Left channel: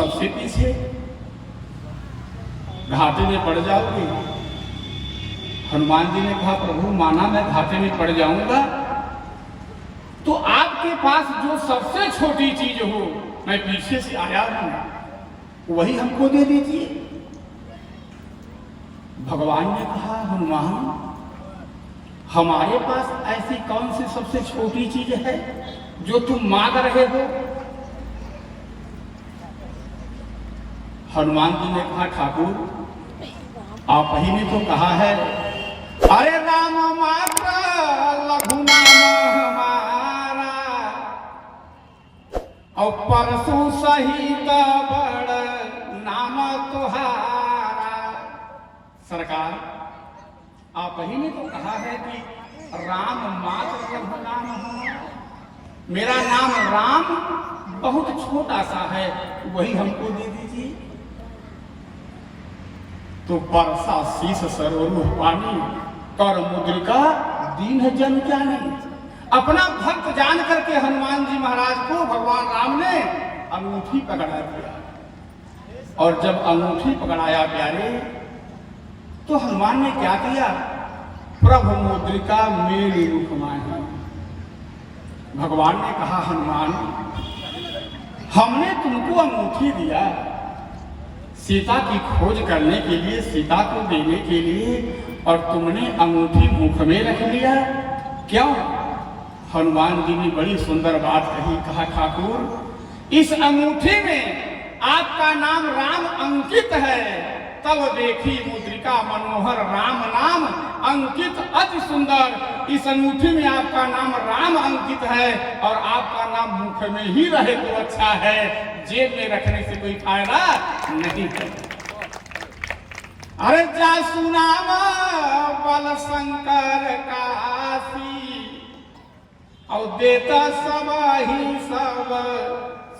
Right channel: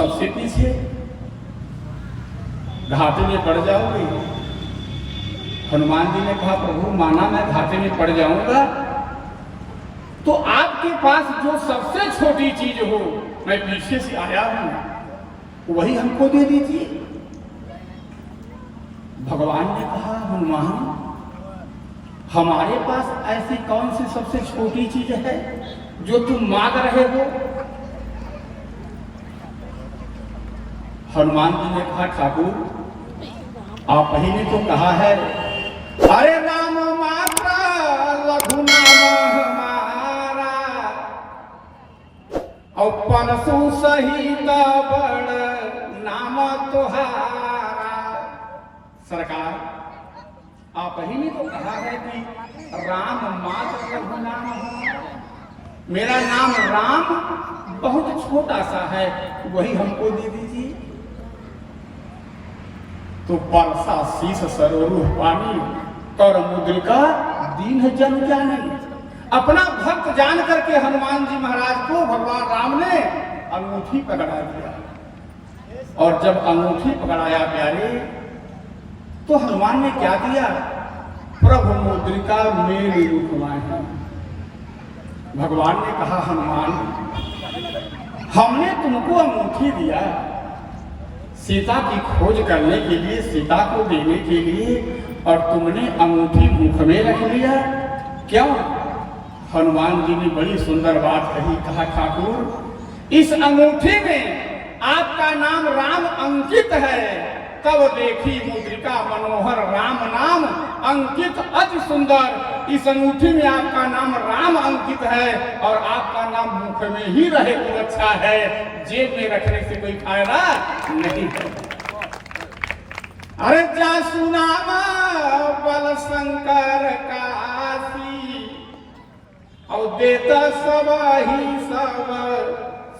सबसे पीछे घाटे में पड़ जाओगे। हनुमान जी ने कहा प्रभु माना मैं घाटे में पड़ जाऊंगा तो आपके पास जो सबसे छोटी चीज हो, मैं पीछे से आया हूं, वही हमको दे दीजिए। भगवान ने कहा हनुमान हमारे पास ऐसी कौन सी सबसे छोटी चीज है जो तुम मांग रहे हो? हनुमान जी ने कहा ठाकुर आप ही ने तो कहा है अरे राम मात्र लघु नाम हमारा और परसु सहित बड़ नाम तुहारा। सरकार आप ही ने तो कहा है कि राम मात्र लघु नाम हमारा, मेरा नाम राम बहुत छोटा सा है, वही हमको दे दीजिए। तो परसा शीश सरोरुह पानी कर मुद्रिका दीन जन जानी। अपना भक्त जान करके हनुमान जी महाराज को भगवान राम ने अंगूठी पकड़ा दिया। और जब अंगूठी पकड़ाया प्यारे तो हनुमान ने क्या किया? प्रभु मुद्रिका मेरी रुकवाही। भगवान ने कहा हनुमान हमने तुमको अंगूठी दिया सीता की खोज करने के लिए, सीता को देने के लिए, और तुमने अंगूठी मुख में रख लिया। क्यों? हनुमान जी ने बड़ी सुंदर बात कही। कहा ठाकुर इस अंगूठी में आपका नाम राम अंकित है। तब देखी मुद्रिका मनोहर राम नाम अंकित अति सुंदर। इस अंगूठी में आपका नाम राम अंकित है और आपका नाम मुख में ही रहे तो अच्छा है, जेब में रखने से कोई फायदा नहीं है। अरे जा सुनावा बल शंकर काशी और देता सब ही सब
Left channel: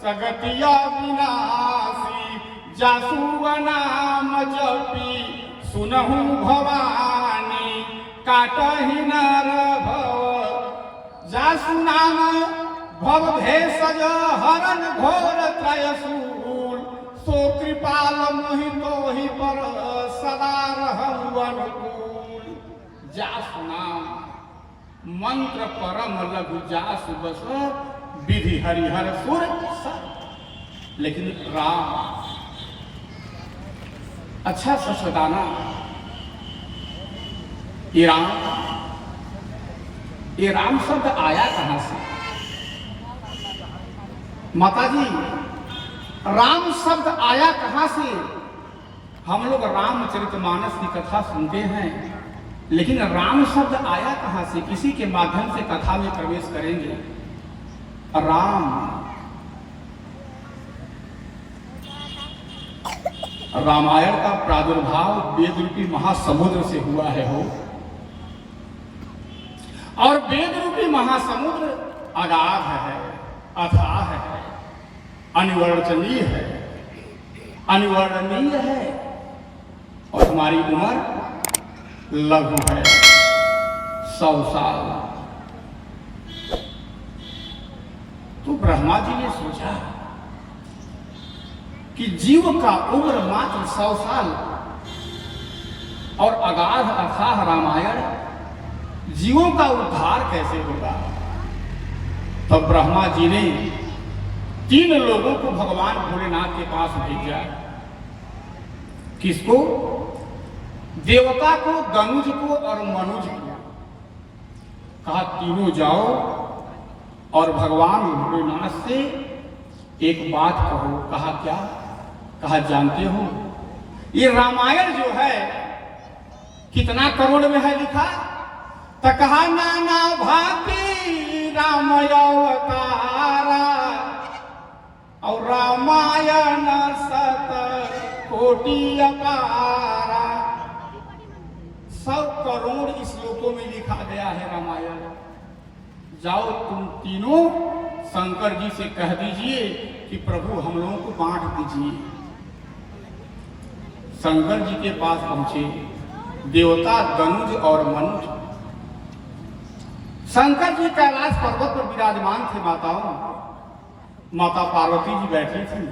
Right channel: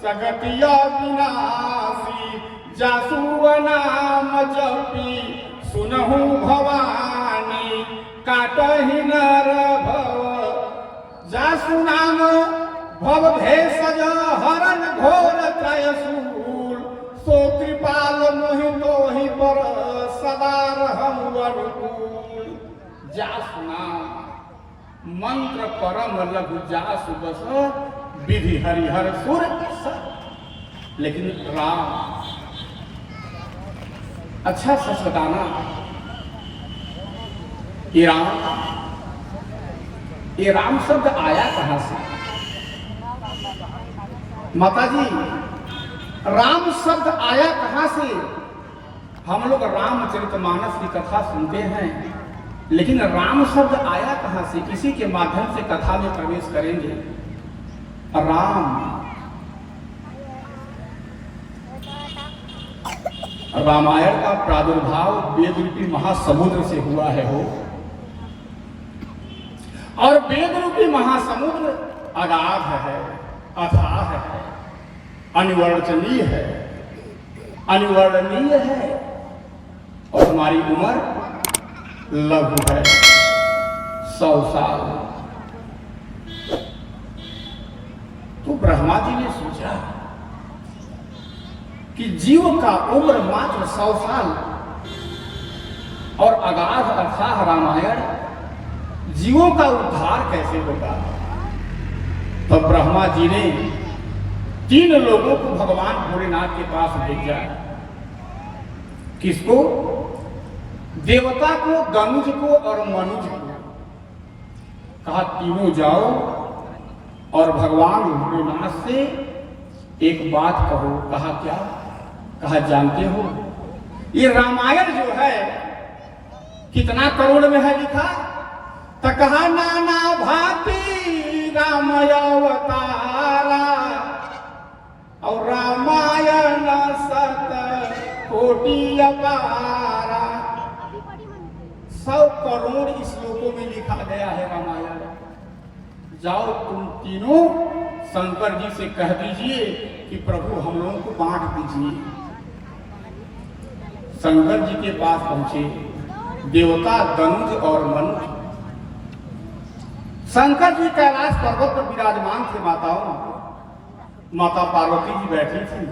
सगतिया विनाशी। जासु नाम जपी सुनहु भवानी काटहि नर भव। जासु नाम भव भेषज हरण घोर त्रयशूल सो कृपाल मोहितो ही पर सदा रहु अनुकूल। जासु नाम मंत्र परम लघु जासु बस विधि हरिहर सुर सा। लेकिन राम अच्छा सच बताना, ये राम शब्द आया कहां से? माता जी राम शब्द आया कहां से? हम लोग रामचरितमानस की कथा सुनते हैं, लेकिन राम शब्द आया कहां से? किसी के माध्यम से कथा में प्रवेश करेंगे। राम रामायण का प्रादुर्भाव वेद रूपी महासमुद्र से हुआ है हो, और वेद रूपी महासमुद्र अगाध है, अथाह है, अनिवर्णनीय है, अनिवर्णनीय है, और हमारी उम्र लघु है, 100 साल। तो ब्रह्मा जी ने सोचा कि जीव का उम्र मात्र 100 साल और अगाध अथाह रामायण, जीवों का उद्धार कैसे होगा? तब ब्रह्मा जी ने 3 लोगों को भगवान भोलेनाथ के पास भेजा। किसको? देवता को, गनुज को और मनुज को। कहा तीनों जाओ और भगवान भोलेनाथ से एक बात कहो। कहा क्या? कहा जानते हो ये रामायण जो है कितना करोड़ में है लिखा? तो कहा नाना भांति राम अवतारा और रामायण 7 कोटि अपारा। 100 करोड़ श्लोकों में लिखा गया है रामायण। जाओ तुम तीनों शंकर जी से कह दीजिए कि प्रभु हम लोगों को बांट दीजिए। शंकर जी के पास पहुंचे देवता गनुज और मनुज। शंकर जी कैलाश पर्वत पर विराजमान थे। माता पार्वती जी बैठी थी।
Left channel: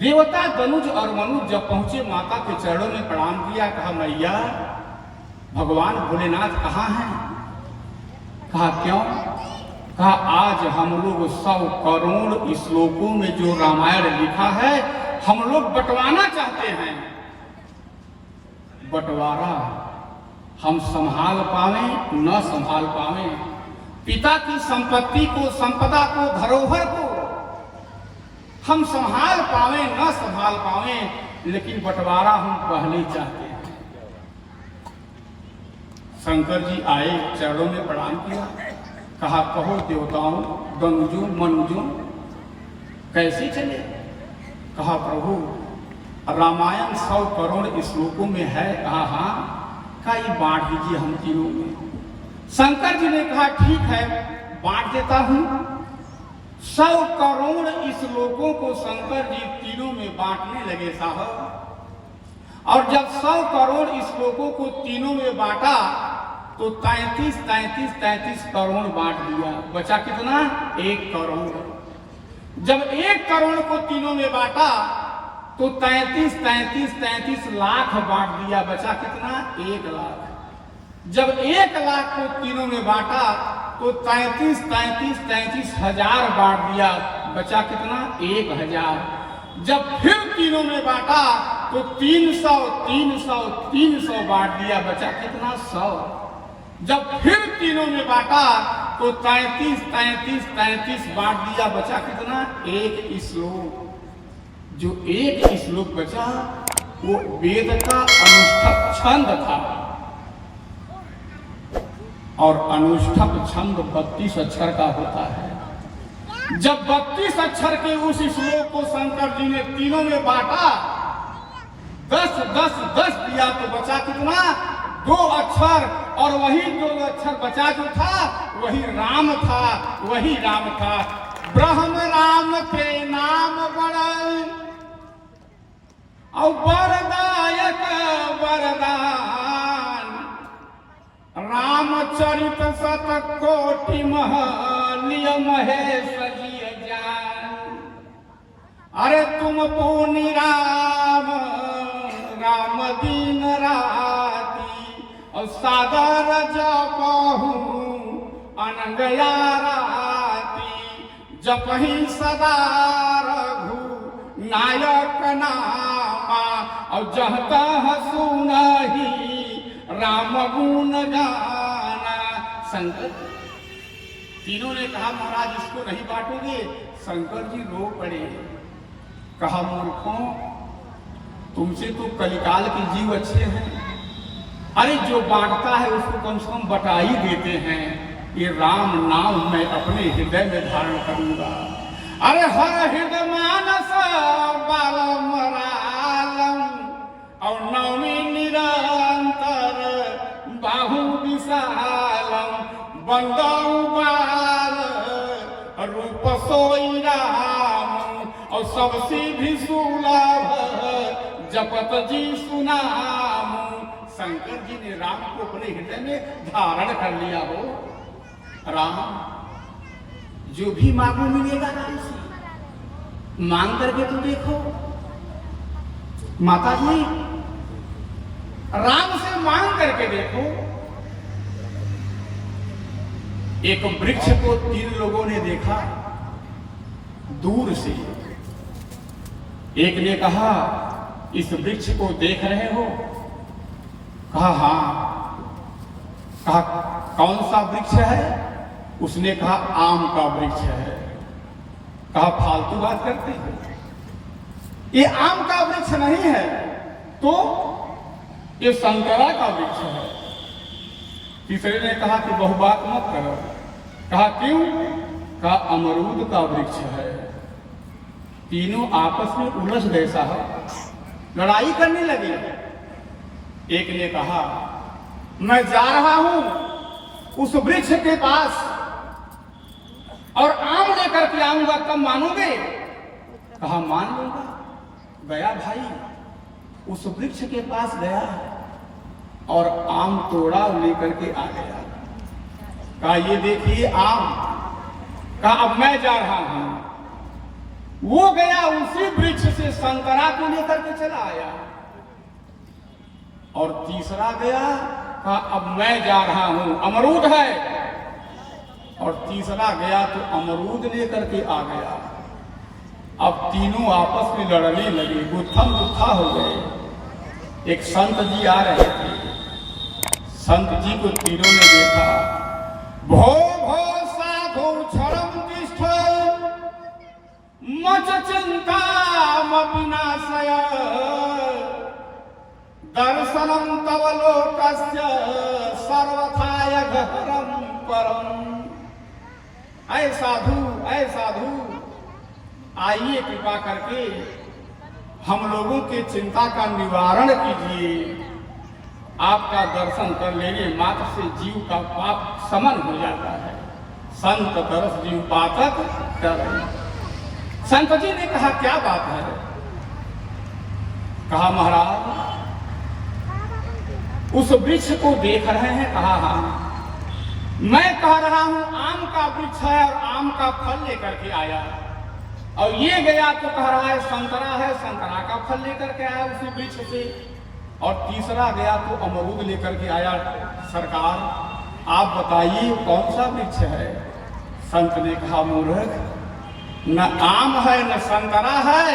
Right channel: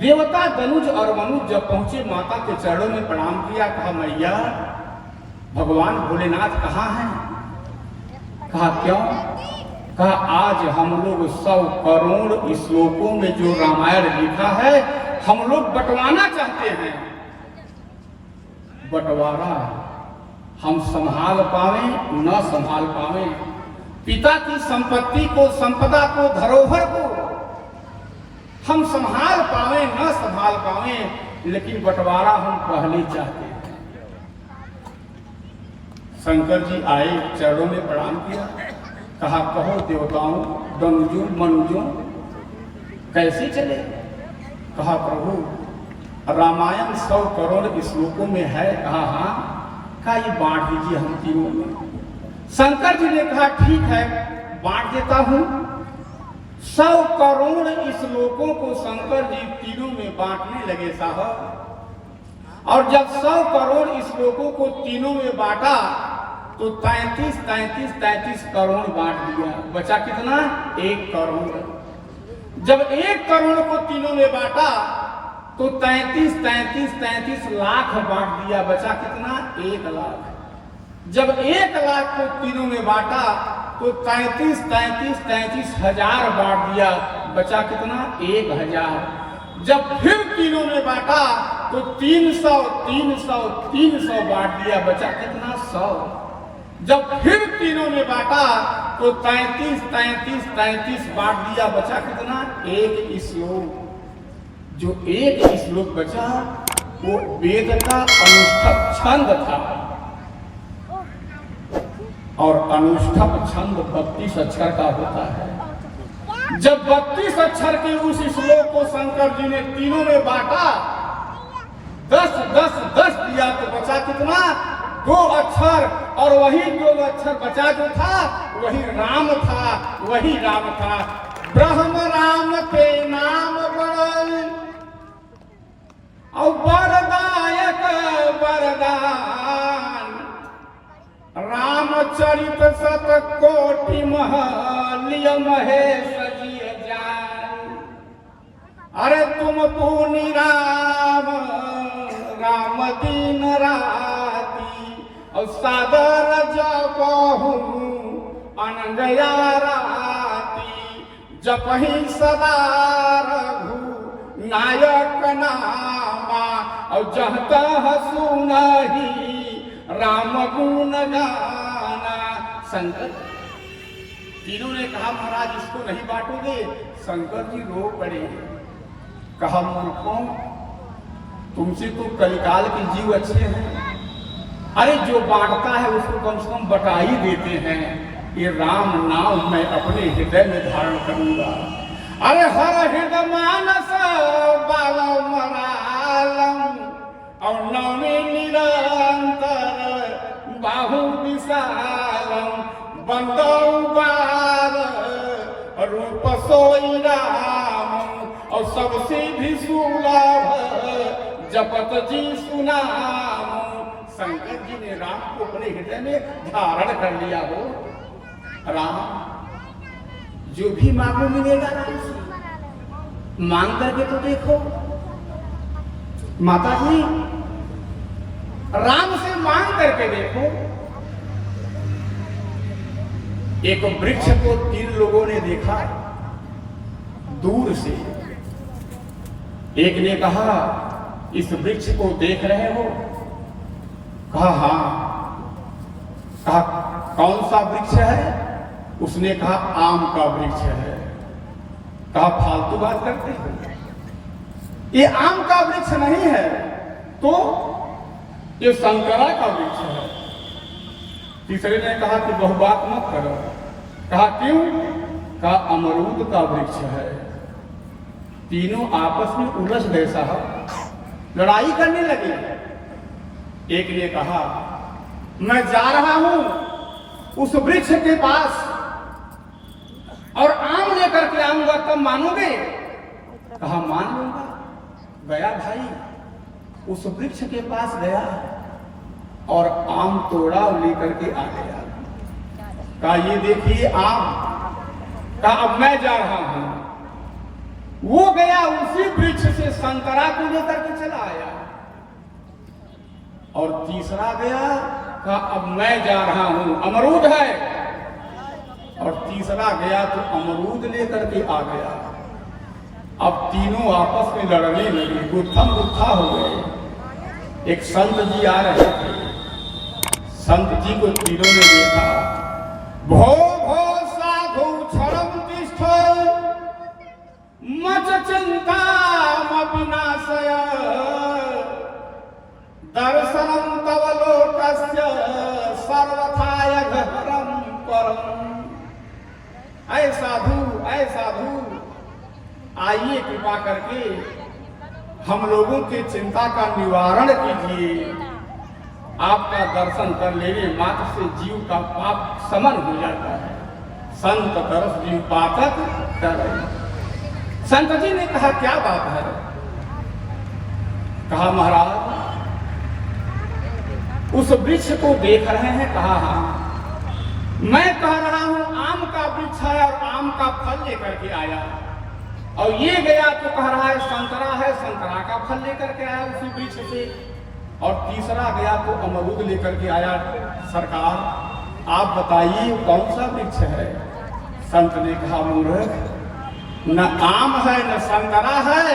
देवता दनुज और मनुज जब पहुंचे माता के चरणों में प्रणाम किया, कहा मैया भगवान भोलेनाथ कहाँ हैं? कहा क्यों? कहा आज हम लोग 100 करोड़ श्लोकों में जो रामायण लिखा है हम लोग बंटवाना चाहते हैं। बंटवारा हम संभाल पावे न संभाल पावे, पिता की संपत्ति को, संपदा को, धरोहर को हम संभाल पावे न संभाल पावे, लेकिन बंटवारा हम पहले चाहते हैं। शंकर जी आए, चरणों में प्रणाम किया, कहा कहो देवताओं, दनुजों मनुजों कैसे चले? कहा प्रभु रामायण 100 करोड़ श्लोकों में है। कहा हाँ। कहा ये बांट दीजिए हम तीनों में। शंकर जी ने कहा ठीक है बांट देता हूं। 100 करोड़ श्लोकों को शंकर जी तीनों में बांटने लगे साहब। और जब 100 करोड़ श्लोकों को तीनों में बांटा तो 33 करोड़ बांट दिया। बचा कितना? 1 करोड़। जब 1 करोड़ को तीनों में बांटा तो 33 लाख बांट दिया। बचा कितना? 1 लाख। जब 1 लाख को तीनों में बांटा तो 33 हजार बांट दिया। बचा कितना? 1000। जब फिर तीनों में बांटा तो 300 बांट दिया। बचा कितना? 100। जब फिर तीनों में बांटा तो 33 बांट दिया। बचा कितना? 1 श्लोक। जो 1 श्लोक बचा वो वेद का अनुष्ठक छंद था, और अनुष्ठक छंद 32 अक्षर का होता है। जब 32 अक्षर के उस श्लोक को शंकर जी ने तीनों में बांटा, 10 दिया तो बचा कितना? 2 अक्षर। और वही 2 अक्षर बचा जो था वही राम था, वही राम था। ब्रह्म राम के नाम बड़ और वरदायक वरदान, रामचरित शतकोटि महलिय महेश जी जान। अरे तुम तो निराम राम दीन राती, और सागर जपहु अनगया राती, जपहि सदा रघु नायक नामा, और जहत सुनहि राम गुण गाना। शंकर तीनों ने कहा महाराज इसको नहीं बांटोगे? शंकर जी रो पड़े। कहा मूर्खों, तुमसे तो कलिकाल के जीव अच्छे हैं। अरे जो बांटता है उसको कम से कम बटा ही देते हैं। ये राम नाम मैं अपने हृदय में धारण करूंगा। अरे हर हृदय मानस बालम रालम, और नवमी निरंतर बाहु विशालम, बंदो बार रूप सोई राम, और सबसे भी सुलभ जपत जी सुनाम। शंकर जी ने राम को अपने हृदय में धारण कर लिया हो। राम जो भी मांगो मिलेगा राम से। मांग करके तो देखो माता जी, राम से मांग करके देखो। एक वृक्ष को 3 लोगों ने देखा दूर से। एक ने कहा इस वृक्ष को देख रहे हो? कहा हाँ। कहा कौन सा वृक्ष है? उसने कहा आम का वृक्ष है। कहा फालतू बात करते हो, ये आम का वृक्ष नहीं है तो ये संतरा का वृक्ष है। तीसरे ने कहा कि बहु बात मत करो। कहा क्यों? कहा अमरूद का वृक्ष है। तीनों आपस में उलझ गए साहब, लड़ाई करने लगे। एक ने कहा मैं जा रहा हूं उस वृक्ष के पास और आम लेकर के आऊंगा, तब मानोगे? कहा मान लूंगा। गया भाई, उस वृक्ष के पास गया और आम तोड़ा लेकर के आ गया। कहा ये देखिए आम। कहा अब मैं जा रहा हूं। वो गया उसी वृक्ष से चला आया। और तीसरा गया, कहा अब मैं जा रहा हूं, अमरूद है। और तीसरा गया तो अमरूद लेकर के आ गया। अब तीनों आपस में लड़ने लगे, गुत्थम गुत्था हो गए। एक संत जी आ रहे थे, संत जी को तीनों ने देखा। भो भो साधु क्षरम तिष्ठ मच चिंता विनाशय दर्शनम तव लोकस्य सर्वथाय घहरम परम। ऐ साधु, ऐ साधु, आइए कृपा करके हम लोगों की चिंता का निवारण कीजिए। आपका दर्शन कर लेने मात्र से जीव का पाप समन हो जाता है। संत तरस जीव पातक तरई। संत जी ने कहा क्या बात है? कहा महाराज उस वृक्ष को देख रहे हैं? कहा हाँ। मैं कह रहा हूं आम का वृक्ष है और आम का फल लेकर के आया। और ये गया तो कह रहा है संतरा है, संतरा का फल लेकर के आया उसी वृक्ष से। और तीसरा गया तो अमरूद लेकर के आया। सरकार आप बताइए कौन सा वृक्ष है? संत ने कहा मूर्ख, न आम है, न संतरा है,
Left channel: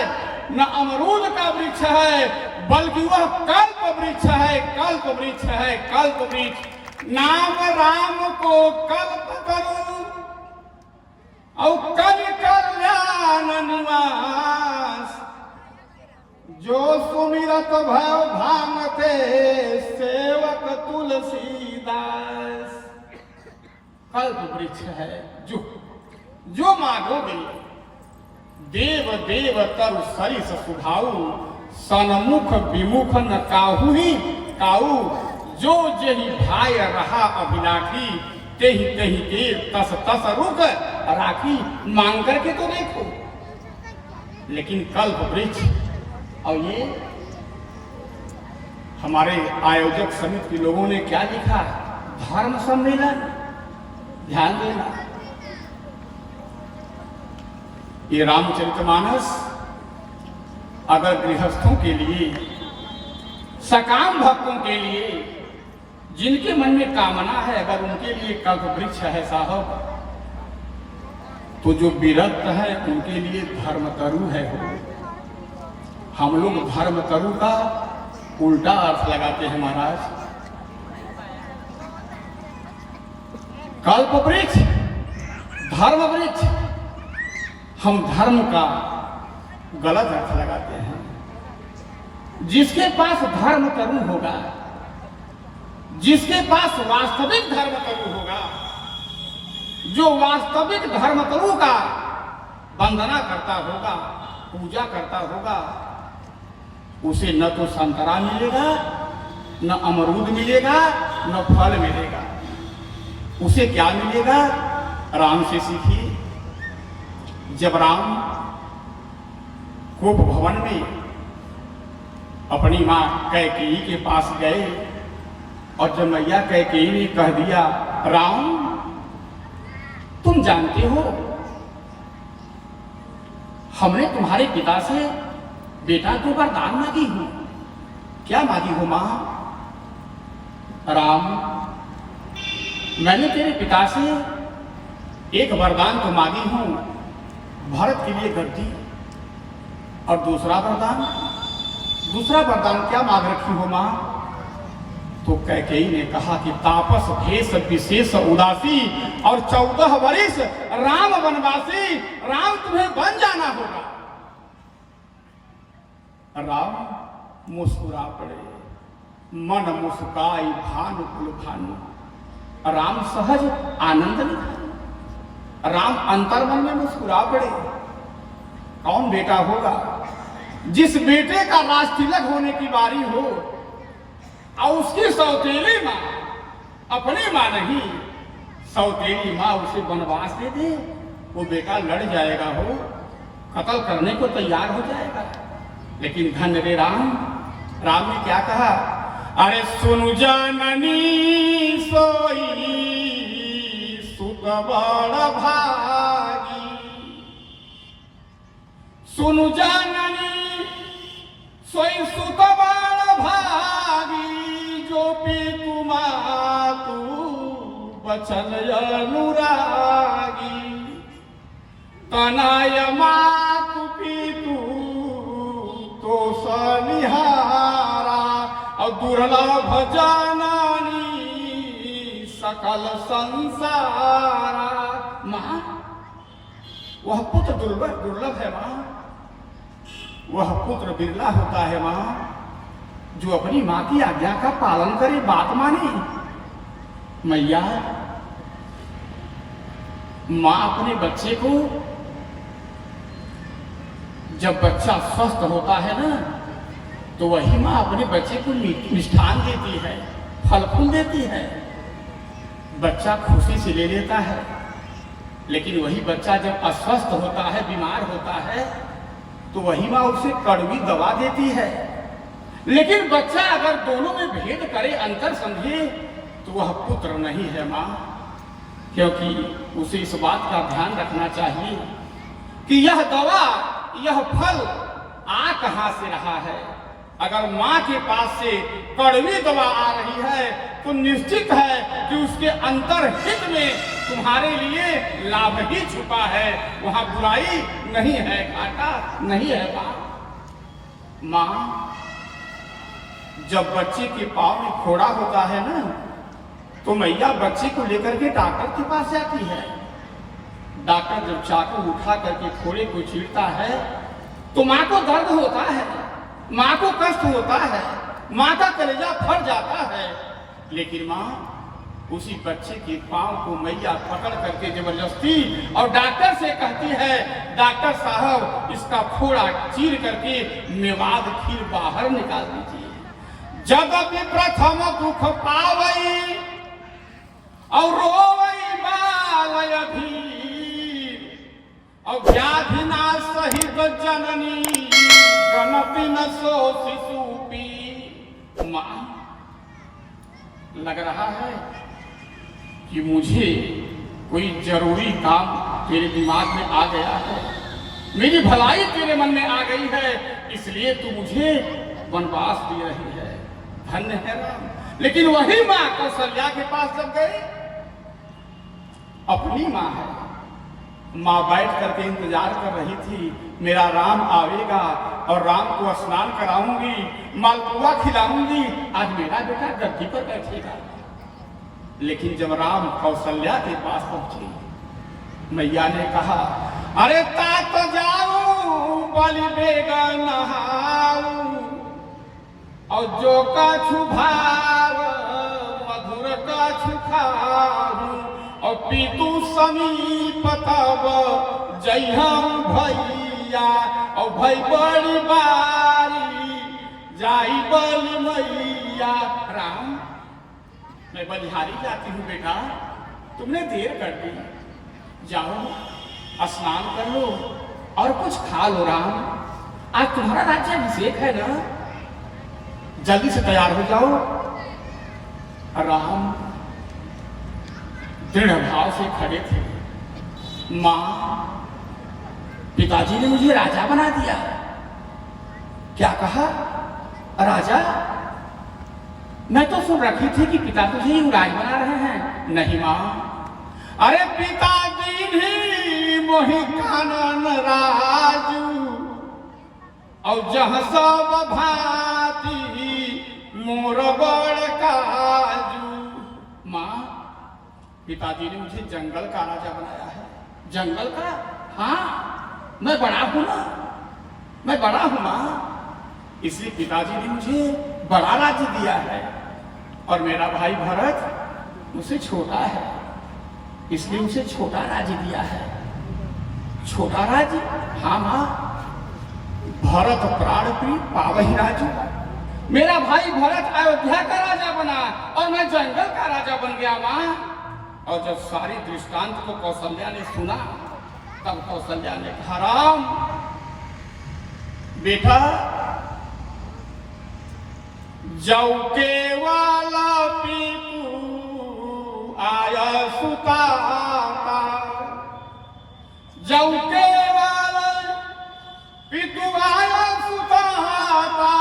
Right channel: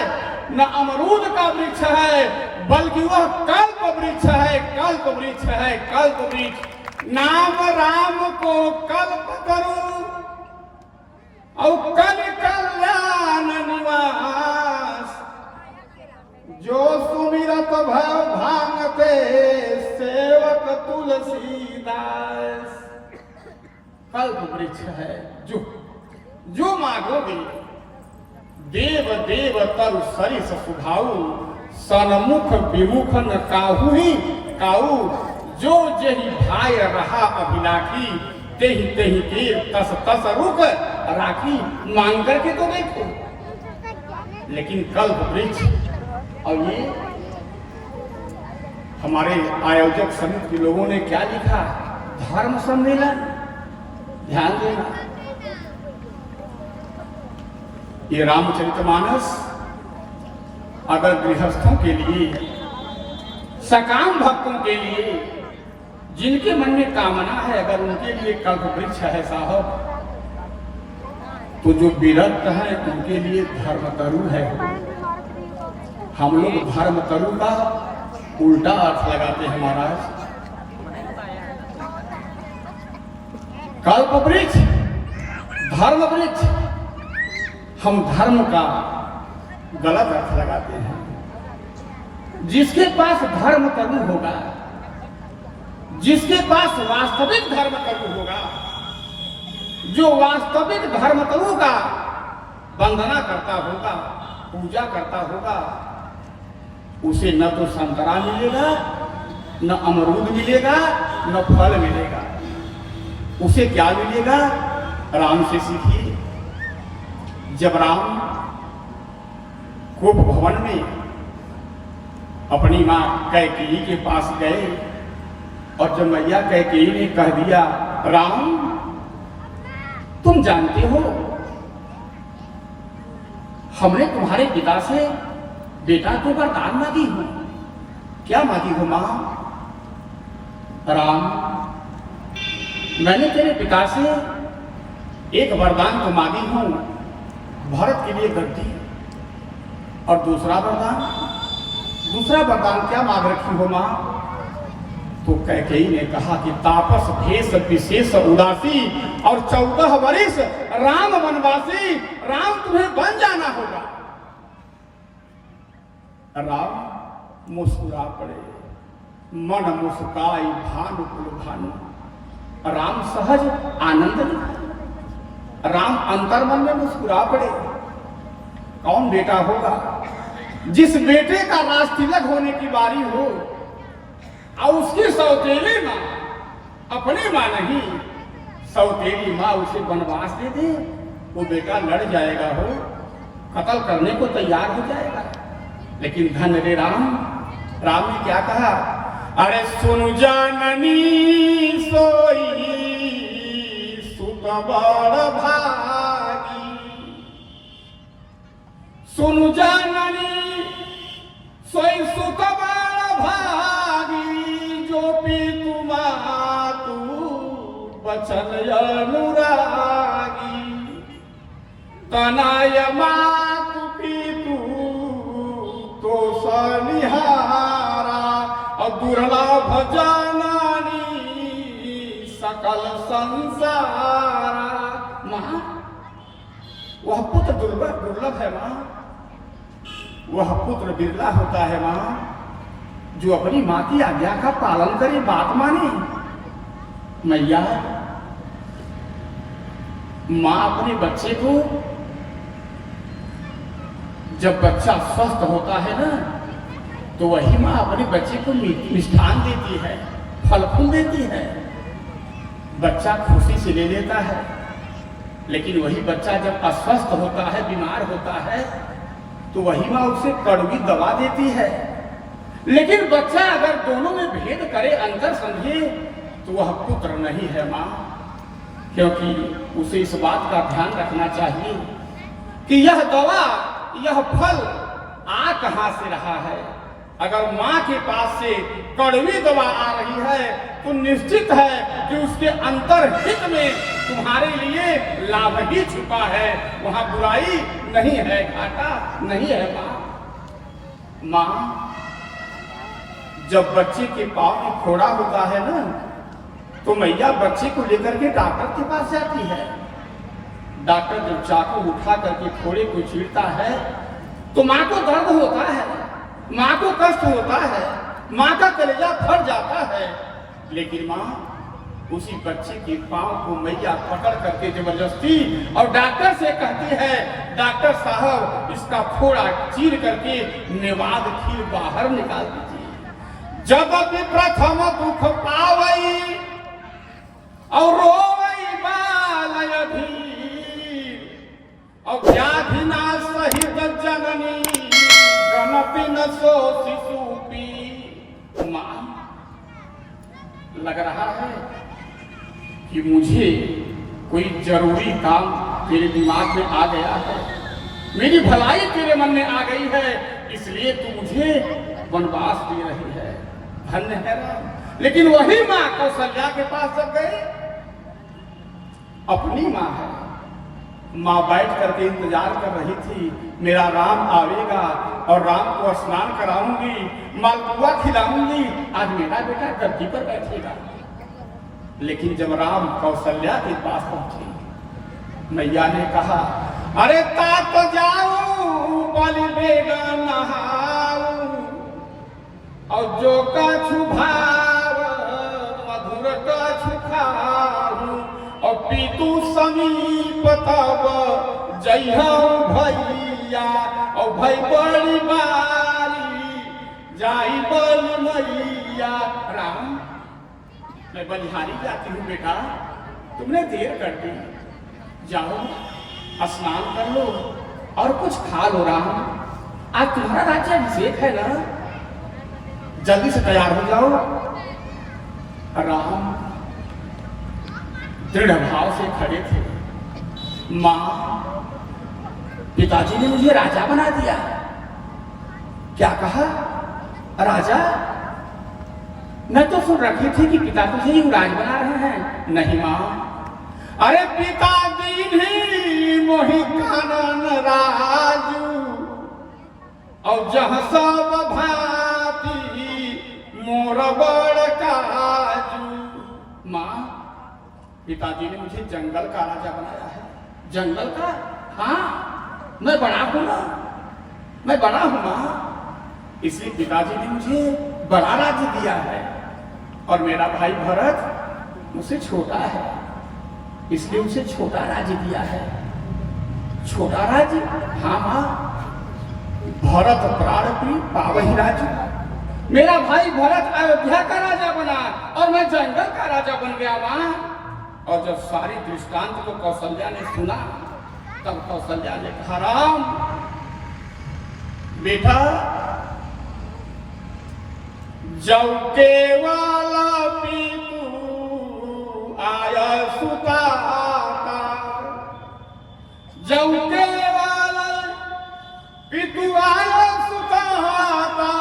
न अमरूद का वृक्ष है, बल्कि वह कल्प वृक्ष है, कल्प वृक्ष है, कल्प वृक्ष। नाम राम को कल्प करो और कल कल्याण निवास। जो सुमिरत भव भामते सेवक तुलसीदास। कल्प वृक्ष है, जो मांगोगे। देव देव तरु सरिस सुभाऊ सनमुख विमुख न काहू ही काऊ। जो जही भाई रहा अभिलाखी तेहि तेहि देव तस तस रुक राखी। मांग करके तो देखो। लेकिन कल्प वृक्ष। और ये हमारे आयोजक समिति के लोगों ने क्या लिखा? धर्म सम्मेलन। ध्यान देना, ये रामचरितमानस अगर गृहस्थों के लिए, सकाम भक्तों के लिए, जिनके मन में कामना है, अगर उनके लिए कल्प वृक्ष है साहब, तो जो विरक्त है उनके लिए धर्मतरु है। हम लोग धर्मतरु का उल्टा अर्थ लगाते हैं महाराज। कल्प वृक्ष, धर्म वृक्ष, हम धर्म का गलत अर्थ लगाते हैं। जिसके पास धर्म तरु होगा, जिसके पास वास्तविक धर्म तरु होगा, जो वास्तविक धर्म तरु का वंदना करता होगा, पूजा करता होगा, उसे न तो संतरा मिलेगा, न अमरूद मिलेगा, न फल मिलेगा। उसे क्या मिलेगा? राम से सीखिए। जब राम कोप भवन में अपनी मां कैकेयी के पास गए और जब मैया कैकेयी ने कह दिया, राम तुम जानते हो हमने तुम्हारे पिता से बेटा के वरदान मांगी हूं। क्या मांगी हूं मां? राम मैंने तेरे पिता से एक वरदान तो मांगी हूं, भरत के लिए गद्दी। और दूसरा वरदान क्या मांग रखी हो मां? तो कैकेयी ने कहा कि तापस भेष विशेष उदासी और 14 वर्ष राम वनवासी। राम तुम्हें बन जाना होगा। राम मुस्कुरा पड़े, मन मुस्काई भानुकुल भानु। राम सहज आनंद में, राम अंतर्मन में मुस्कुरा पड़े। कौन बेटा होगा जिस बेटे का राज तिलक होने की बारी हो और उसकी सौतेली मां, अपनी मां नहीं, सौतेली मां उसे वनवास दे दे, वो बेटा लड़ जाएगा, हो कत्ल करने को तैयार हो जाएगा। लेकिन धन रे राम ने क्या कहा? अरे सुनु जाननी सोई सुख बड़ भागी। सुनु जाननी सोई सुतबान भागी जो पीतु मातु बचन अनुरागी तनय मातु पीतु तो सनिहारा दुर्लभ जनानी सकल संसारा। माँ, वह पुत्र दुर्लभ है माँ, वह पुत्र बिरला होता है माँ जो अपनी माँ की आज्ञा का पालन करे, बात माने। मैया, माँ अपने बच्चे को जब बच्चा स्वस्थ होता है ना, तो वही माँ अपने बच्चे को मिष्ठान देती है, फल फूल देती है, बच्चा खुशी से ले लेता है। लेकिन वही बच्चा जब अस्वस्थ होता है, बीमार होता है, तो वही माँ उसे कड़वी दवा देती है। लेकिन बच्चा अगर दोनों में भेद करे, अंतर समझे, तो वह पुत्र नहीं है माँ, क्योंकि उसे इस बात का ध्यान रखना चाहिए कि यह दवा, यह फल आ कहां से रहा है। अगर माँ के पास से कड़वी दवा आ रही है तो निश्चित है कि उसके अंतर्हित में तुम्हारे लिए लाभ ही छुपा है, वहां बुराई नहीं है, घाटा नहीं है। माँ, जब बच्चे के पाँव में फोड़ा होता है ना, तो मैया बच्चे को लेकर के डॉक्टर के पास जाती है। डॉक्टर जब चाकू उठा करके फोड़े को चीरता है तो माँ को दर्द होता है, माँ को कष्ट होता है, माँ का कलेजा फट जाता है। लेकिन माँ उसी बच्चे के पांव को मैया पकड़ करके जबरदस्ती और डॉक्टर से कहती है, डॉक्टर साहब इसका फोड़ा चीर करके नेवाद खीर बाहर निकाल दीजिए। जब भी प्रथम दुख पावई और रोवई बाल अधीर और व्याधि ना सहित जननी गणति न सो शिशु पी। माँ, लग रहा है कि मुझे कोई जरूरी काम तेरे दिमाग में आ गया है, मेरी भलाई तेरे मन में आ गई है, इसलिए तू मुझे वनवास दे रही है। धन्य है राम। लेकिन वही माँ कौशल्या के पास जब गए, अपनी माँ है, माँ बैठ करके इंतजार कर रही थी, मेरा राम आवेगा और राम को स्नान कराऊंगी, मालपुआ खिलाऊंगी, आज मेरा बेटा गद्दी पर बैठेगा। लेकिन जब राम कौशल्या के पास पहुंचे, मैया ने कहा, अरे तात जाऊं बलि बेगा नहाऊं और जो का छुभार मधुर का छुखाऊं और पीतू समीप तब जय भैया और भई बड़ी बारी जाई बलि मैया। राम, मैं बलिहारी जाती हूँ बेटा, तुमने देर कर दी, जाओ स्नान कर लो और कुछ खा लो। राम, आज तुम्हारा राज्याभिषेक है ना, जल्दी से तैयार हो जाओ। राम दृढ़ भाव से खड़े थे। माँ, पिताजी ने मुझे राजा बना दिया। क्या कहा? राजा? मैं तो सुन रखी थी कि पिता तुझे युवराज बना रहे हैं। नहीं माँ, अरे पिताजी भी मोहि कानन राजू और जह सब भाती मोर बड़ काजू। माँ, पिताजी ने मुझे जंगल का राजा बनाया है। जंगल का? हाँ, मैं बड़ा हूं ना, मैं बड़ा हूं माँ, इसलिए पिताजी ने मुझे बड़ा राज्य दिया है। और मेरा भाई भरत मुझसे छोटा है, इसलिए उसे छोटा राज्य दिया है। छोटा राज्य? हाँ माँ, भरत प्राण प्रिय पावही राज्य। मेरा भाई भरत अयोध्या का राजा बना और मैं जंगल का राजा बन गया माँ। और जब सारी दृष्टांत को कौशल्या ने सुना, तब कौशल्या ने कहा, राम बेटा, जौ के वाला पीतू आया सुताता, जौ के वाला पीतू आया सुताता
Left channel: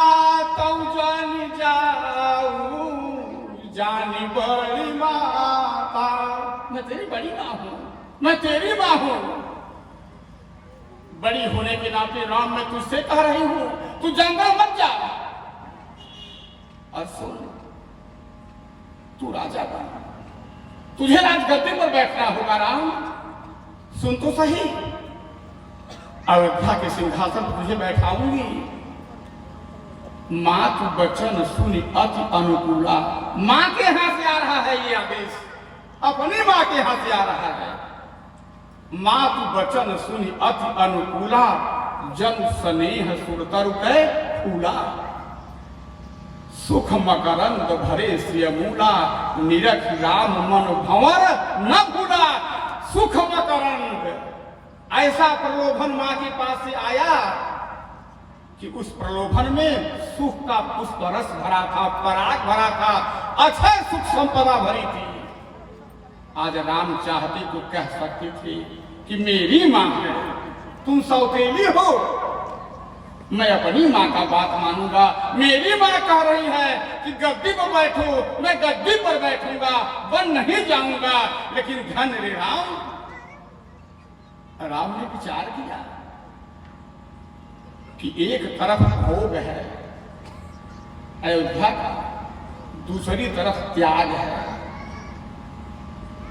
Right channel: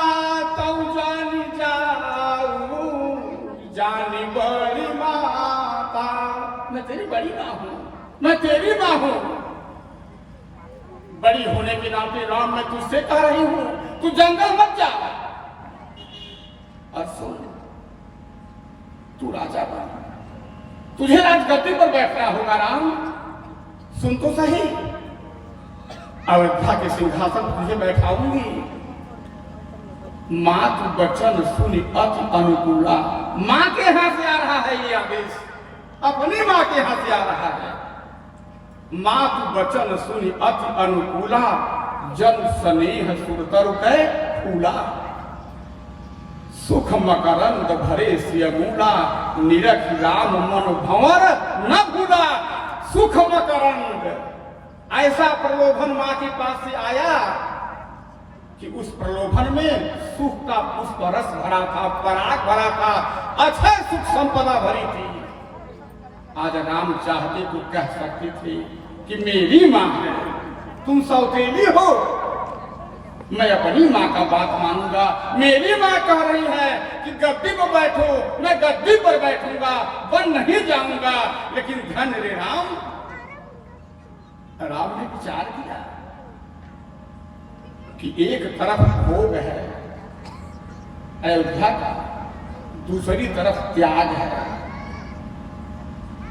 मैं तेरी मां हूं। बड़ी होने के नाते राम मैं तुझसे कह रही हूं, तू जंगल मत जा। और सुन, तू राजा बन, तुझे राजगद्दी पर बैठना होगा राम। सुन तो सही, अयोध्या के सिंहासन पर तुझे बैठाऊंगी। मां तू वचन सुनी अति अनुकूला। मां के यहां से आ रहा है ये आदेश, अपनी मां के यहां से आ रहा है। मां तू वचन सुनी अति अनुकूला, जन स्नेह सुरतर कै फूला। सुख मकरंद भरे सियमूला, निरख राम मन भंवर न भूला। सुख मकरंद, ऐसा प्रलोभन मां के पास से आया कि उस प्रलोभन में सुख का पुष्प रस भरा था, पराग भरा था, अक्षय सुख संपदा भरी थी। आज राम चाहते तो कह सकते थे कि मेरी मां है, तुम सौतेली हो, मैं अपनी मां का बात मानूंगा। मेरी मां कह रही है कि गद्दी पर बैठो, मैं गद्दी पर बैठूंगा, बन नहीं जाऊंगा। लेकिन धन रे राम, राम ने विचार किया कि एक तरफ भोग है अयोध्या का, दूसरी तरफ त्याग है।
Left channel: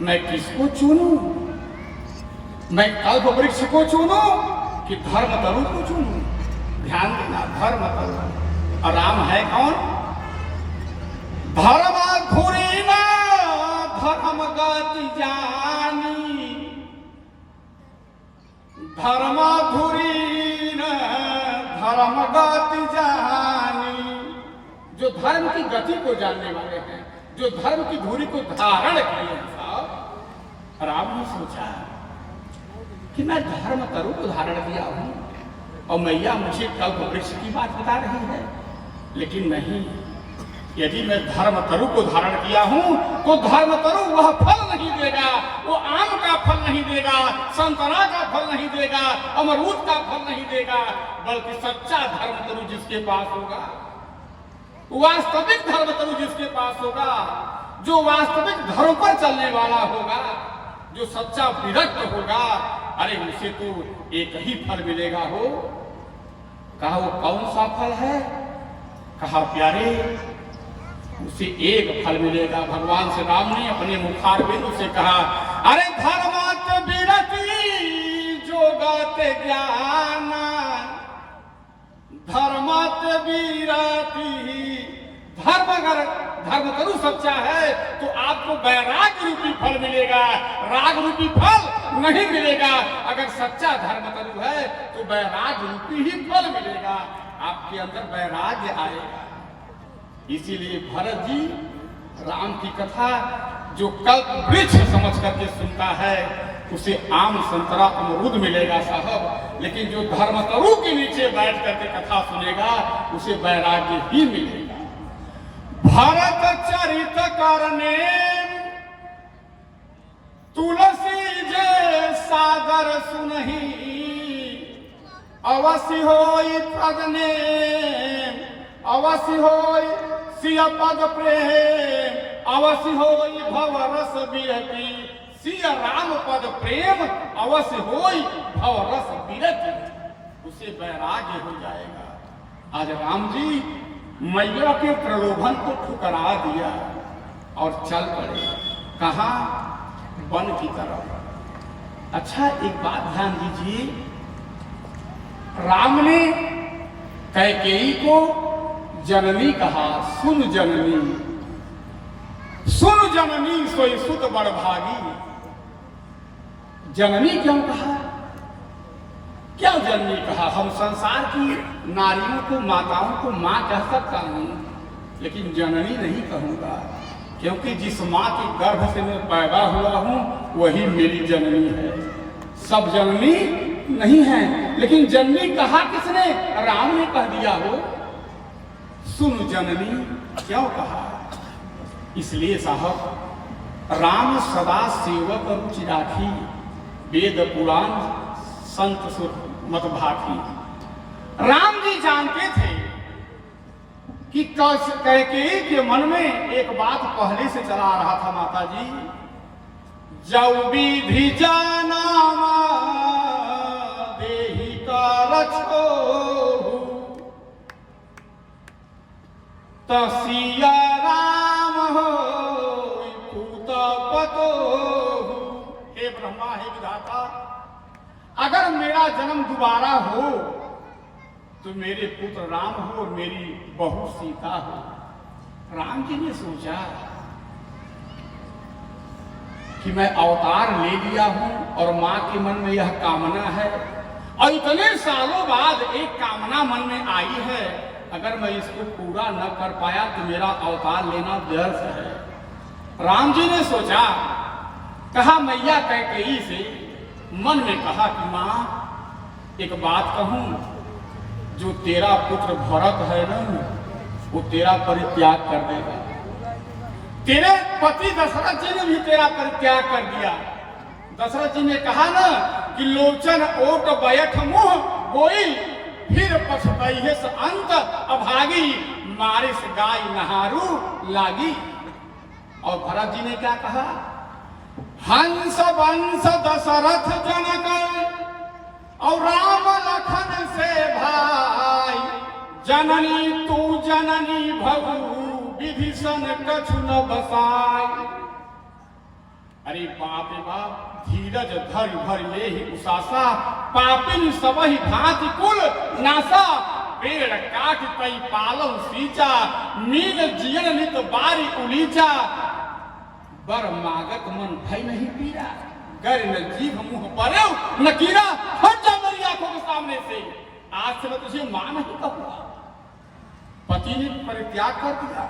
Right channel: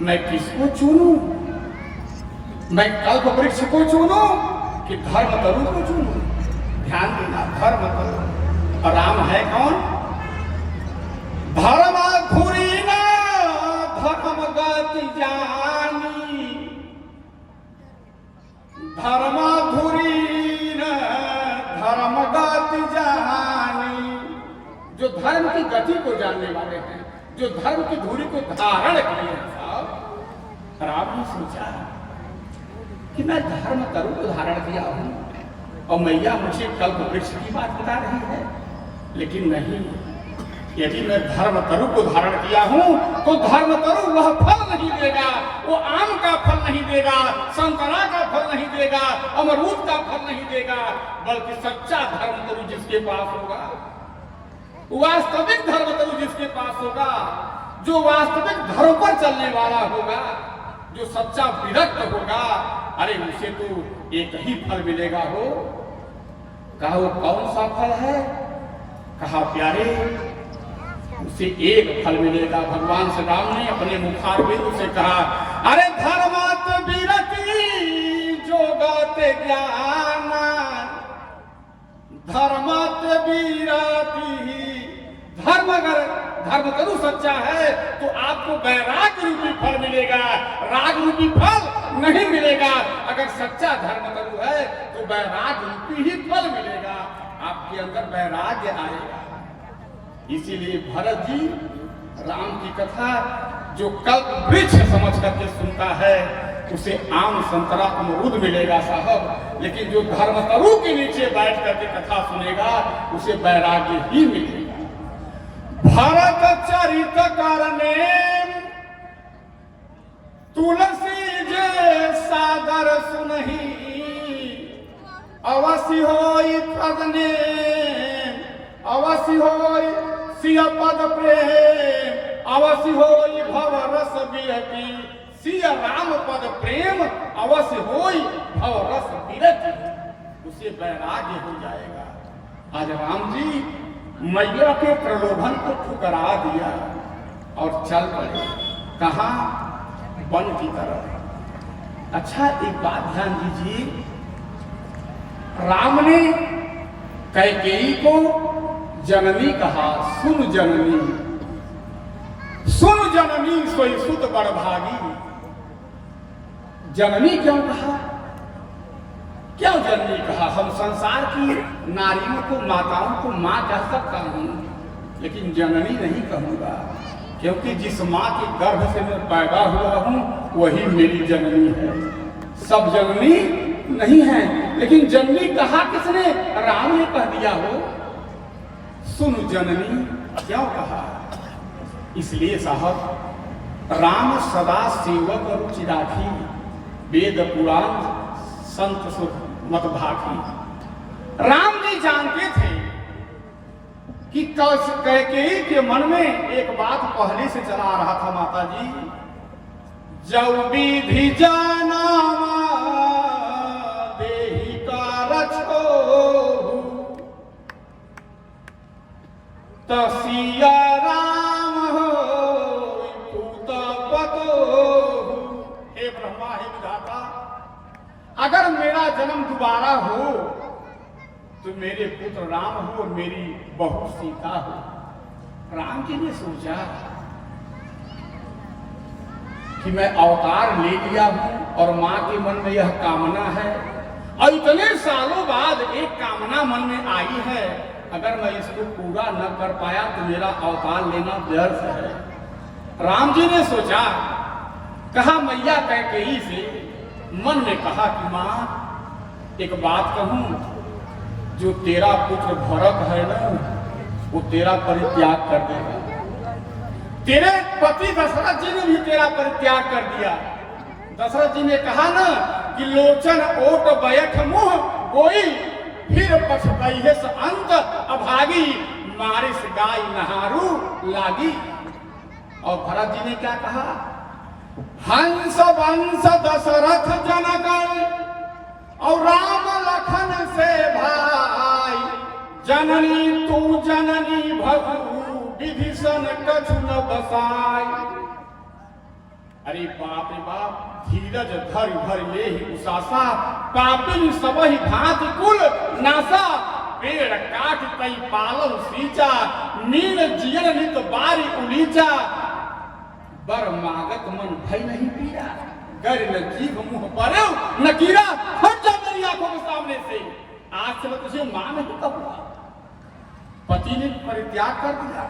मैं किसको चुनूं? मैं कल्प वृक्ष को चुनूं कि धर्म तरु को चुनूं? ध्यान देना, धर्म तरु। और राम है कौन? धर्म धुरी ना धर्म गति जानी, धर्म धुरी न धर्म गति जानी। जो धर्म की गति को जानने वाले हैं, जो धर्म की धुरी को धारण किए हैं, राम ने सोचा कि मैं धर्म तरु को धारण किया हूं और मैया मुझे कल्प वृक्ष की बात बता रही है। लेकिन नहीं, यदि मैं धर्म तरु को धारण किया हूं तो धर्म तरु वह फल नहीं देगा, वो आम का फल नहीं देगा, संतरा का फल नहीं देगा, अमरूद का फल नहीं देगा, बल्कि सच्चा धर्म तरु जिसके पास होगा, वास्तविक धर्म तरु जिसके पास होगा, जो वास्तविक धर्म पर चलने वाला होगा, जो सच्चा विरक्त होगा, अरे उसे तो एक ही फल मिलेगा हो। कहा वो कौन सा फल है? कहा प्यारे, उसे एक फल मिलेगा। भगवान श्री राम ने अपने मुखारबिंद से कहा, अरे धर्मात विरति जोगत ज्ञान, धर्मात विरति। धर्म अगर धर्म तरु सच्चा है तो आपको वैराग रूपी फल मिलेगा, राग रूपी फल नहीं मिलेगा। अगर सच्चा धर्म तरु है तो वैराग रूपी ही फल मिलेगा, आपके अंदर वैराग्य आएगा। इसीलिए भरत जी राम की कथा जो कल्प वृक्ष समझ करके सुनता है उसे आम संतरा अमरूद मिलेगा साहब, लेकिन जो धर्म तरु के नीचे बैठ करके कथा सुनेगा उसे वैराग्य ही मिलेगा। भरत चरित करने तुलसी जे सादर सुनहि, अवश्य होई पदने, अवश्य होई सिय पद प्रेम, अवश्य होई भव रस विरति। सिय राम पद प्रेम अवश्य होई भव रस विरति, उसे वैराग्य हो जाएगा। आज राम जी मैया के प्रलोभन को ठुकरा दिया और चल पड़े। कहा? वन की तरफ। अच्छा, एक बात ध्यान दीजिए, राम ने कैकेयी को जननी कहा, सुन जननी, सुन जननी सोई सुत बड़ भागी। जननी क्यों कहा? क्यों जननी कहा? हम संसार की नारियों को, माताओं को मां कह सकता हूं, लेकिन जननी नहीं कहूंगा, क्योंकि जिस मां के गर्भ से मैं पैदा हुआ हूं वही मेरी जननी है। सब जननी नहीं है, लेकिन जननी कहा किसने? राम ने कह दिया हो। सुन जननी क्यों कहा? इसलिए साहब राम सदा सेवक रुचि राखी, वेद पुराण संत सुख मत भाखी। राम जी जानते थे कि कैकेयी के मन में एक बात पहले से चला रहा था, माता जी जब विधि जाना देहि कारछ तसिया राम हो पूतपतो। हे ब्रह्मा, हे विधाता, अगर मेरा जन्म दोबारा हो तो मेरे पुत्र राम हो और मेरी बहू सीता हो। राम जी ने सोचा कि मैं अवतार ले लिया हूं और मां के मन में यह कामना है और इतने सालों बाद एक कामना मन में आई है, अगर मैं इसको पूरा न कर पाया तो मेरा अवतार लेना व्यर्थ है। राम जी ने सोचा, कहा मैया कैकेयी से, मन में कहा कि मां एक बात कहूं, जो तेरा पुत्र भरत है ना वो तेरा परित्याग कर देगा। तेरे पति दशरथ जी ने भी तेरा परित्याग कर दिया। दशरथ जी ने कहा ना कि लोचन ओट बैठ मुंह कोई फिर पछताइहे स अंत अभागी मारिस गाय नहारू लागी। और भरत जी ने क्या कहा, हंस वंश दशरथ जनक और राम लखन से भाई, जननी तू जननी भगु विभीषण कछु न बसाई। अरे बाप रे बाप, धीरज धर भर ये उसासा, पापिन सबहि भांति कुल नासा। पेड़ काट कई पालन सींचा, नील जियन नित बारी उलीचा। बर मागत मन भय नहीं पिया, गर न जीभ मुंह पर न कीरा। हट जा मेरी आंखों के सामने से, आज से मैं तुझे मां नहीं कहूंगा। पति ने परित्याग कर दिया,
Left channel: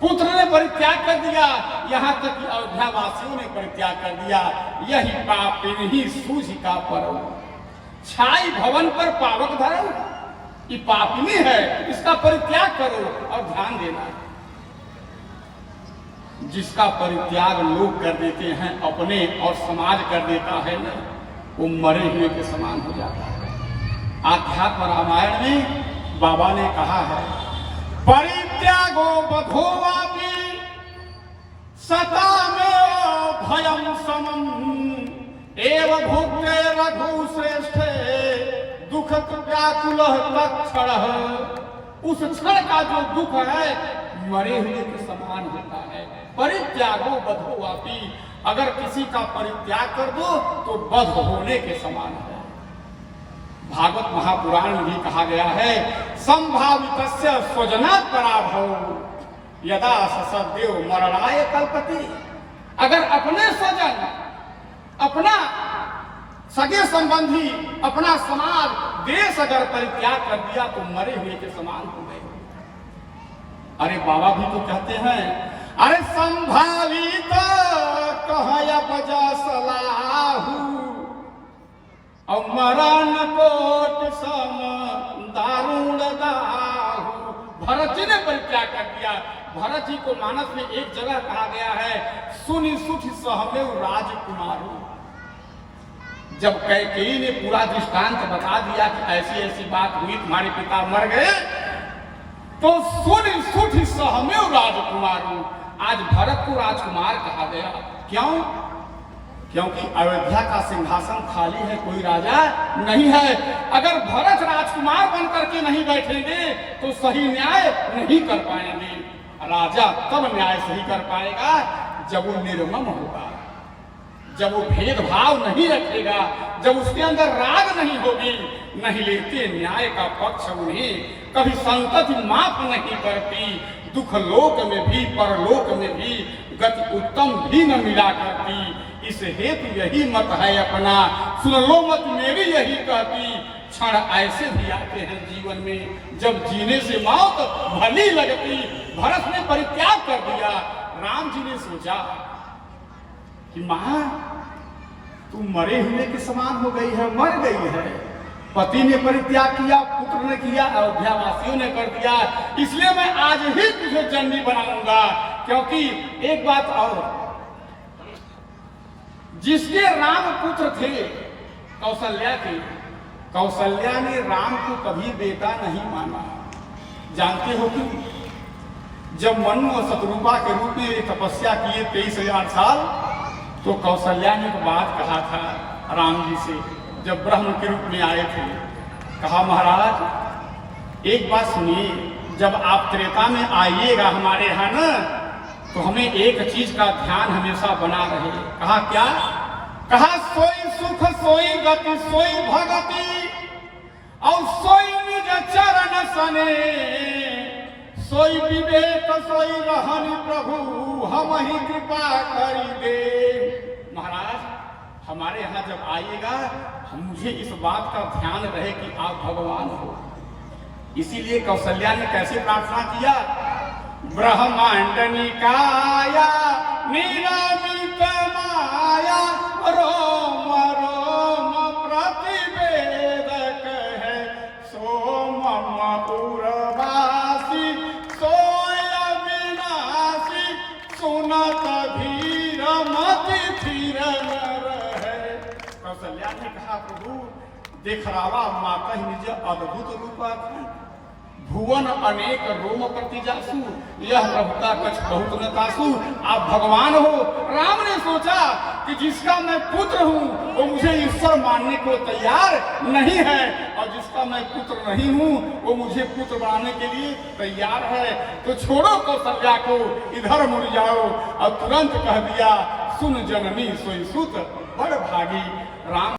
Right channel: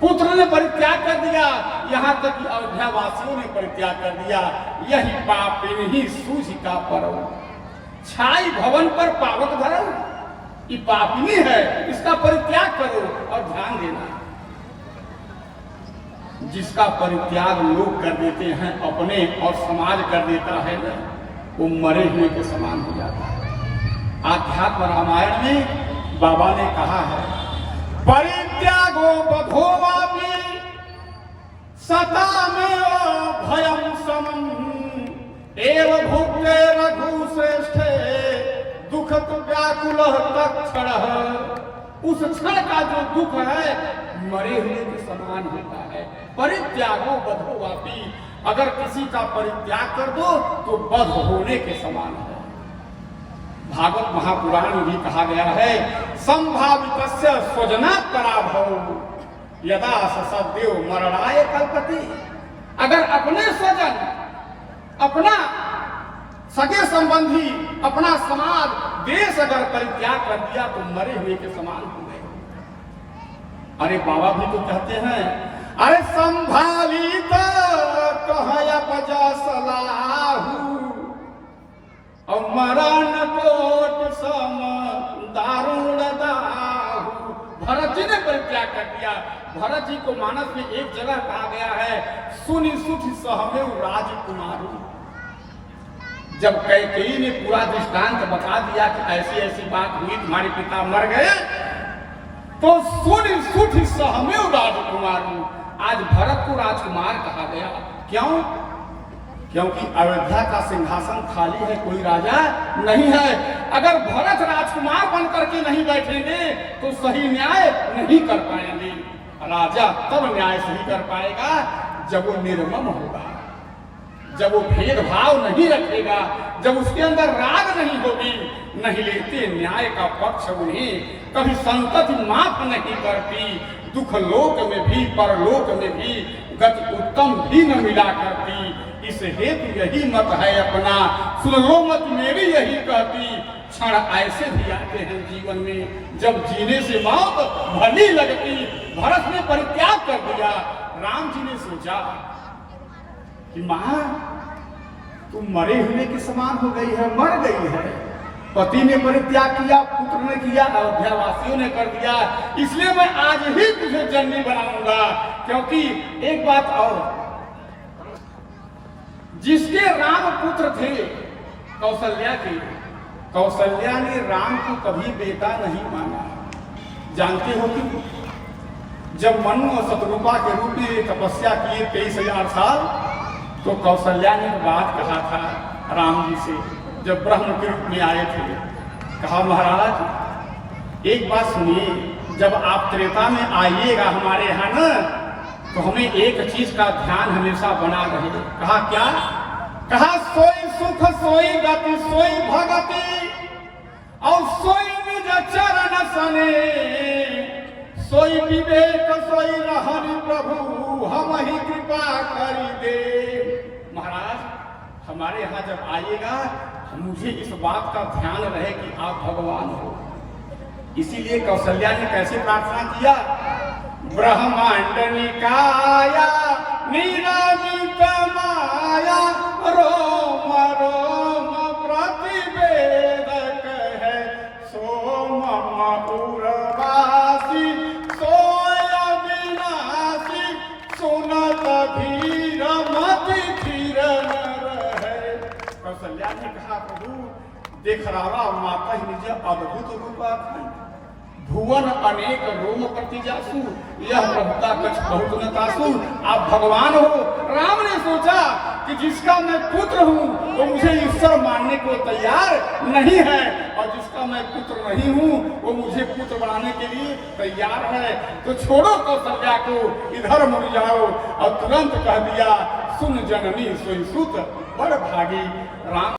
पुत्र ने परित्याग कर दिया, यहाँ तक कि अयोध्या वासियों ने परित्याग कर दिया। यही पापिन ही सूझ का परल, छाई भवन पर पावक धरल। ये पापिनी है, इसका परित्याग करो। और ध्यान देना, जिसका परित्याग लोग कर देते हैं अपने और समाज कर देता है ना, वो मरे हुए के समान हो जाता है। आध्यात्म रामायण में बाबा ने कहा है, परित्यागो बधोवापि सता में भयम समम एव भुक्ते रघु श्रेष्ठे दुख व्याकुल तत्क्षण। उस क्षण का जो दुख है मरे हुए के समान होता है। परित्यागो बधोवापि, अगर किसी का परित्याग कर दो तो बध होने के समान है। भागवत महापुराण में भी कहा गया है, संभावितस्य स्वजना पराभव यदा ससदेव मरणाय कल्पति। अगर अपने स्वजन, अपना सगे संबंधी, अपना समाज, देश अगर परित्याग कर दिया तो मरे हुए के समान हो गए। अरे बाबा भी तो कहते हैं, अरे संभावित कहया बजा सलाहू और मरण कोट सम दारुण दाहू। भरत जी ने परित्याग कर दिया। भरत जी को मानस में एक जगह कहा गया है, सुनि सुठ सहमेव राजकुमारू। जब कैकेयी ने पूरा दृष्टांत बता दिया कि ऐसी ऐसी बात हुई, तुम्हारे पिता मर गए, तो सुनि सुठ सहमेव राजकुमारू। आज भरत को राजकुमार कहा गया। क्यों? क्योंकि अयोध्या का सिंहासन खाली है, कोई राजा नहीं है। अगर भरत राजकुमार बनकर के नहीं बैठेंगे तो सही न्याय नहीं कर पाएंगे। राजा तब न्याय सही कर पाएगा जब वो निर्मम होगा, जब वो भेदभाव नहीं रखेगा, जब उसके अंदर राग नहीं होगी। नहीं लेते न्याय का पक्ष उन्हें, कभी संतति माफ नहीं करती। दुख लोक में भी परलोक में भी गति उत्तम भी न मिला करती। इस हेतु यही मत है अपना, सुन लो मत मेरी यही कहती। क्षण ऐसे भी आते हैं जीवन में जब जीने से मौत भली लगती। भरत ने परित्याग कर दिया। राम जी ने सोचा कि मां तू मरे हुए के समान हो गई है, मर गई है। पति ने परित्याग किया, पुत्र ने किया, अयोध्या वासियों ने कर दिया, इसलिए मैं आज ही तुझे जननी बनाऊंगा। क्योंकि एक बात और, जिसके राम पुत्र थे कौशल्या के, कौशल्या ने राम को कभी बेटा नहीं माना। जानते हो कि जब मनु और शत्रुपा के रूप में तपस्या किए 23,000 साल, तो कौशल्या ने एक बात कहा था राम जी से जब ब्रह्म के रूप में आए थे। कहा महाराज एक बात सुनिए, जब आप त्रेता में आइएगा हमारे यहाँ न, तो हमें एक चीज का ध्यान हमेशा बना रहे। कहा क्या? कहा सोई सुख सोई गति सोई भगति और सोई निज चरण सने, सोई विवेक सोई रहन प्रभु हम ही कृपा करी दे। महाराज हमारे यहाँ जब आइएगा मुझे इस बात का ध्यान रहे कि आप भगवान हो। इसीलिए कौशल्या ने कैसे प्रार्थना किया? ब्रह्मांड निकाया निरामित माया रोम रोम प्रतिवेदक है, सोम उर्वासी सोय विनाशी सुनत धीर मति धीर है। कौशल्या ने कहा प्रभु देख रावा माता ही निज अद्भुत रूपा भुवन अनेक रोम प्रतिजासु, यह प्रभुता कुछ बहुत न तासु। आप भगवान हो। राम ने सोचा कि जिसका मैं पुत्र हूँ वो मुझे ईश्वर मानने को तैयार नहीं है, और जिसका मैं पुत्र नहीं हूँ वो मुझे पुत्र बनाने के लिए तैयार है। तो छोड़ो कौशल्या को, इधर मुड़ जाओ। और तुरंत कह दिया सुन जननी सोई सुत बड़ भागी। राम